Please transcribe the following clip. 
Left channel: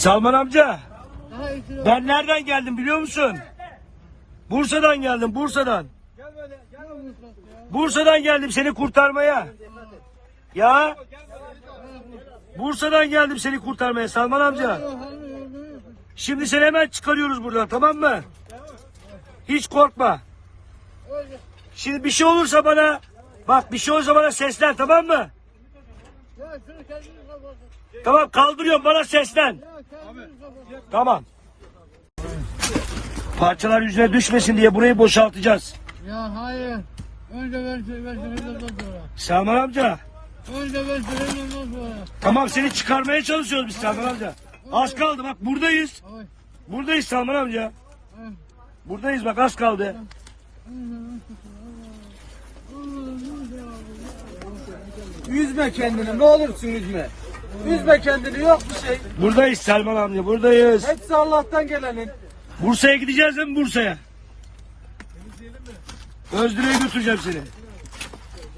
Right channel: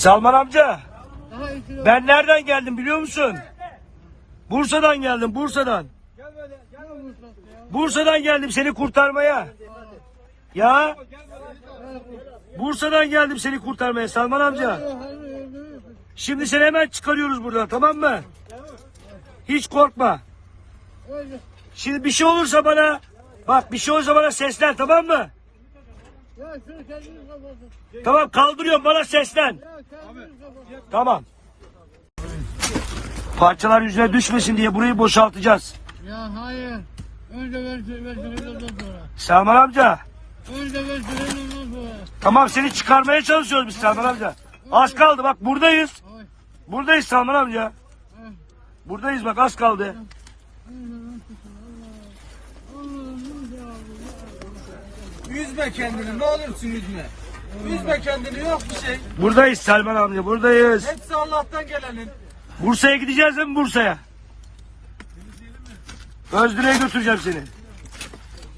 Salman amca ben nereden geldim biliyor musun? Bursa'dan geldim Bursa'dan. Bursa'dan geldim seni kurtarmaya. Ya Bursa'dan geldim seni kurtarmaya Salman amca. Şimdi seni hemen çıkarıyoruz buradan tamam mı? Hiç korkma. Şimdi bir şey olursa bana bak bir şey olursa bana seslen tamam mı? Tamam kaldırıyorum bana seslen. Tamam. Parçalar yüzüne düşmesin diye burayı boşaltacağız. Ya hayır. Önce ben sonra. Salman amca. Önce ben sonra. Tamam seni çıkarmaya çalışıyoruz biz Salman amca. Az kaldı bak buradayız. Ay. Buradayız Salman amca. ay. Buradayız bak az kaldı. Üzme kendini ne olursun üzme. Üzme kendini yok bir şey. Buradayız Salman amca buradayız. Hepsi Allah'tan gelenin. Bursa'ya gideceğiz değil mi Bursa'ya? Özdire'ye götüreceğim seni.